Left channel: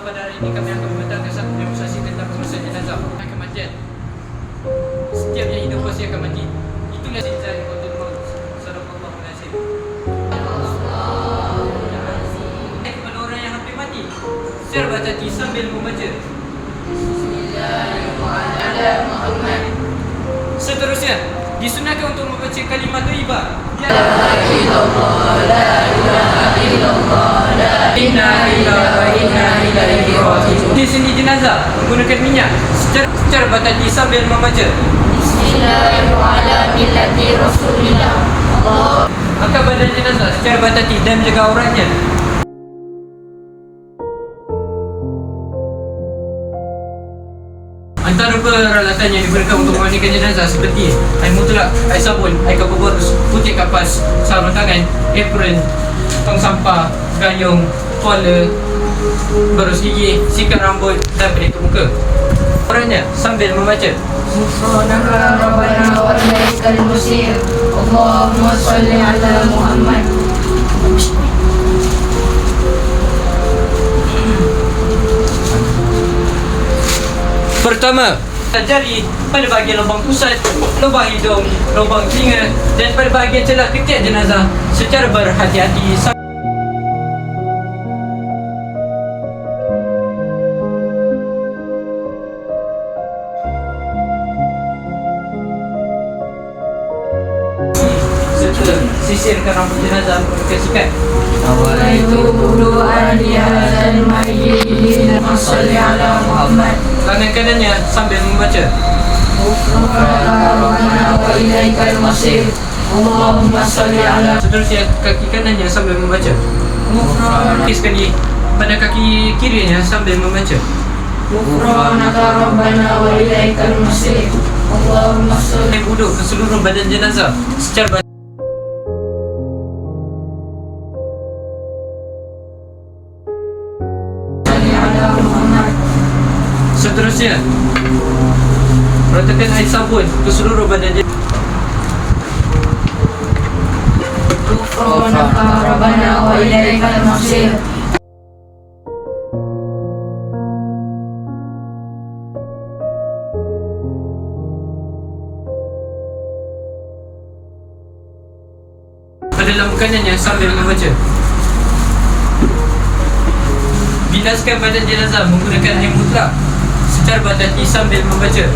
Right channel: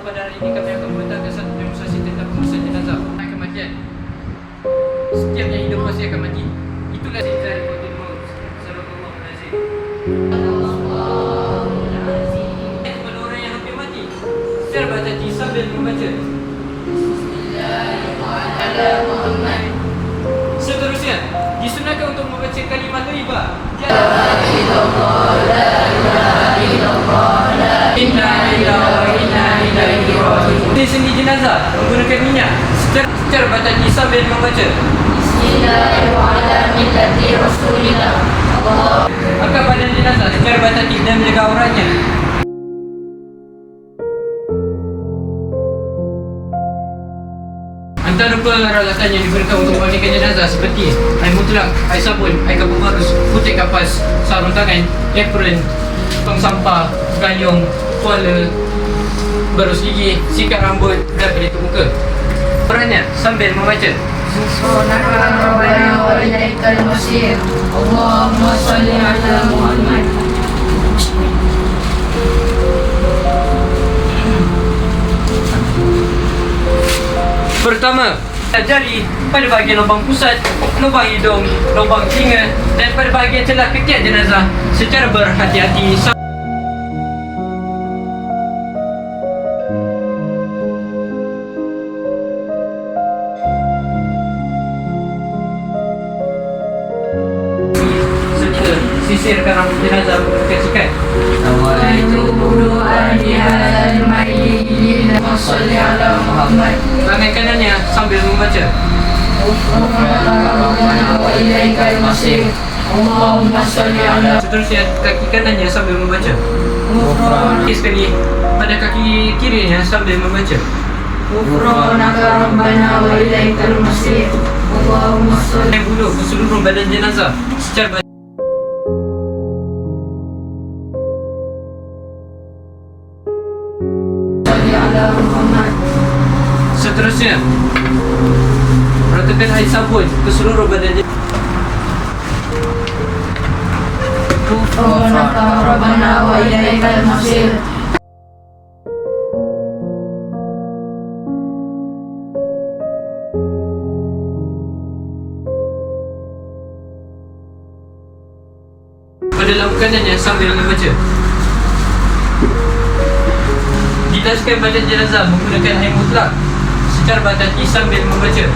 InsyaAllah pada hari ini kami akan mengadakan satu demonstrasi tentang proses jenazah kematian. Setiap yang hidup pasti akan mati. Itulah dari Qatul Maut. Sadaqallahul Azim. Kepada orang yang hampir mati, secara baca sambil membaca Bismillahirrahmanirrahim. Seterusnya disunahkan untuk membaca kalimat thayyibah. La ilaha illallah, la inna lillahi wa inna ilaihi raji'un. Di sini jenazah menggunakan minyak secara batati sambil membaca Bismillahirrahmanirrahim. Allah. Angkat badan jenazah secara batati dan jaga auratnya. Antara peralatan yang digunakan untuk memandikan jenazah seperti air mutlak, air sabun, air kapur barus, putih kapas, sarung tangan, apron, tong sampah, gayung, tuala, barus gigi, sikat rambut dan pelitup muka. Orangnya sambil membaca Allahumma salli ala Muhammad. Pertama, jari pada bahagian lubang pusat, lubang hidung, lubang telinga dan pada bahagian celah ketiak jenazah secara berhati-hati. Serta sisirkan rambut jenazah menggunakan sikat. Nawaitu wudu'an li hadzal mayyit wa shalli ala Muhammad. Tangan kanannya sambil membaca wa ilaikal masir. Allahumma shalli ala. Seterusnya kaki kanannya sambil membaca sekali pada kaki kirinya sambil membaca Ghufranaka rabbana wa ilaikal masir. Allahumma shalli. Wudu ke seluruh badan jenazah secara Seterusnya, ratakan air sabun ke seluruh badan jenazah. Ghufranaka rabbana wa ilaikal masir. Pada dalam kanannya sambil membaca bilaskan badan jenazah menggunakan air mutlak secara batati sambil membaca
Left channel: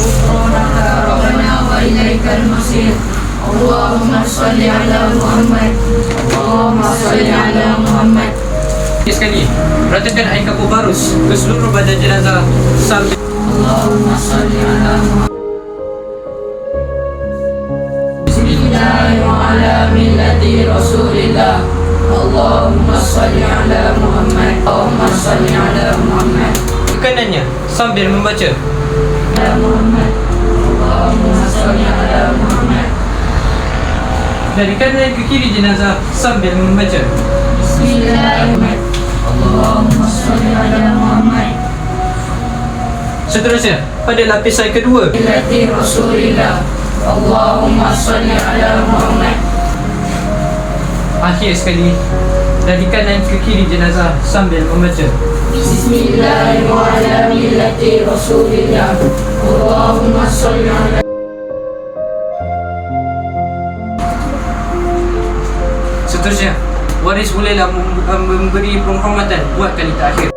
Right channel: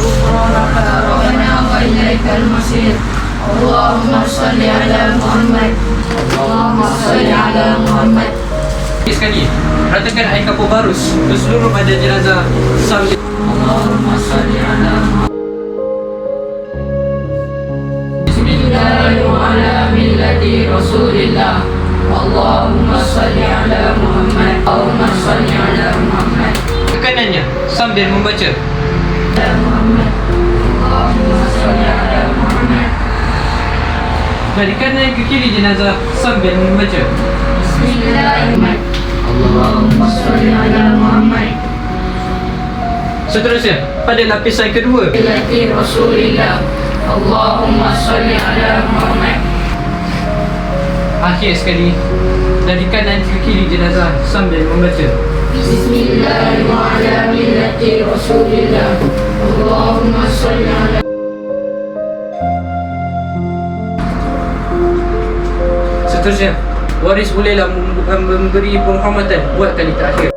Ghufranaka rabbana wa ilaikal masir. Allahumma shalli ala Muhammad. Allahumma shalli ala Muhammad. Sekali, ratakan air kapur barus ke seluruh badan jenazah sambil Allahumma shalli ala Muhammad. Bismillahirrahmanirrahim. Ala millati Rasulillah. Allahumma shalli ala Muhammad. Allahumma shalli ala Muhammad. Kanannya sambil membaca Muhammad. Allahumma shalli ala Muhammad. Dari kanan ke kiri jenazah sambil membaca Bismillahirrahmanirrahim. Allahumma shalli ala Muhammad. Seterusnya pada lapisan kedua millati Rasulillah. Allahumma shalli ala Muhammad. Akhir sekali dari kanan ke kiri jenazah sambil membaca Bismillahirrahmanirrahim. Rasulillah. Allahumma shalli ala. Seterusnya, waris bolehlah memberi penghormatan buat kali terakhir.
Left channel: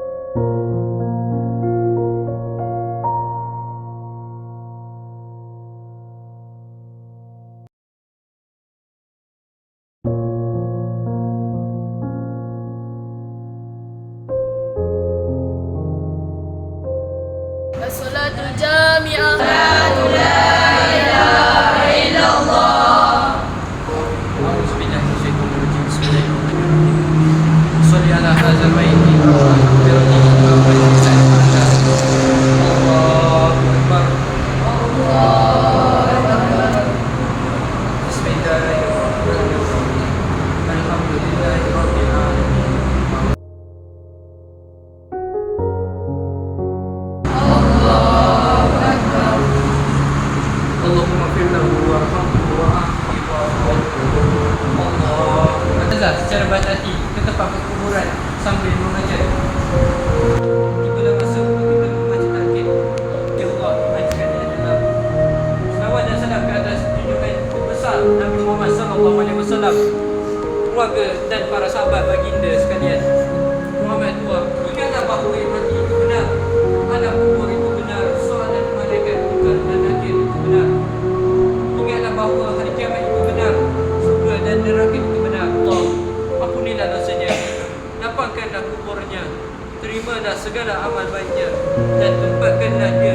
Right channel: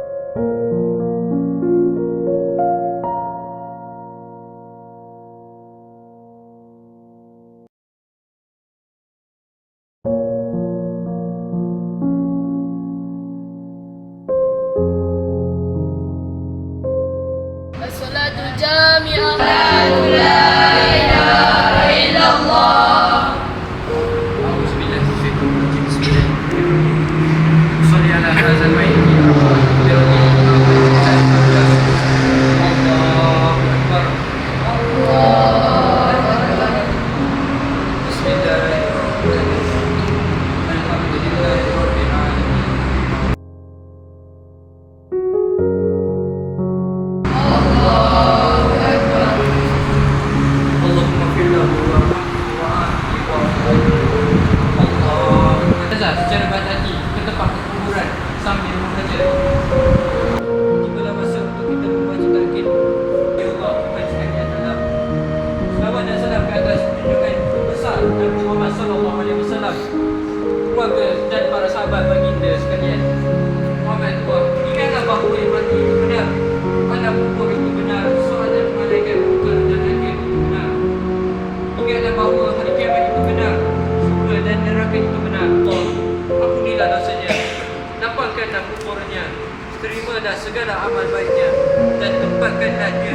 As-salatu jami'ah. La ilaha illallah. A'udzu billahi minasyaitonir rajim. Bismillahirrahmanirrahim. Shalli ala hadzal mayyit rabbana qdirni ma bayyana. Allahu akbar. Allahu akbar. Bismillahirrahmanirrahim. Alhamdulillahi rabbil alamin. Secara batati ke tempat kuburan sambil membaca Wasallam, keluarga dan para sahabat baginda sekalian. Muhammad tua, ingatlah bahawa iman itu benar, adab kubur itu benar, soalan malaikat munkar dan nakir itu benar. Ingatlah bahawa hari kiamat itu benar, surga dan neraka itu benar. Allah, ampunilah dosanya, lapangkanlah kuburnya, terimalah segala amal baiknya, dan tempatkanlah dia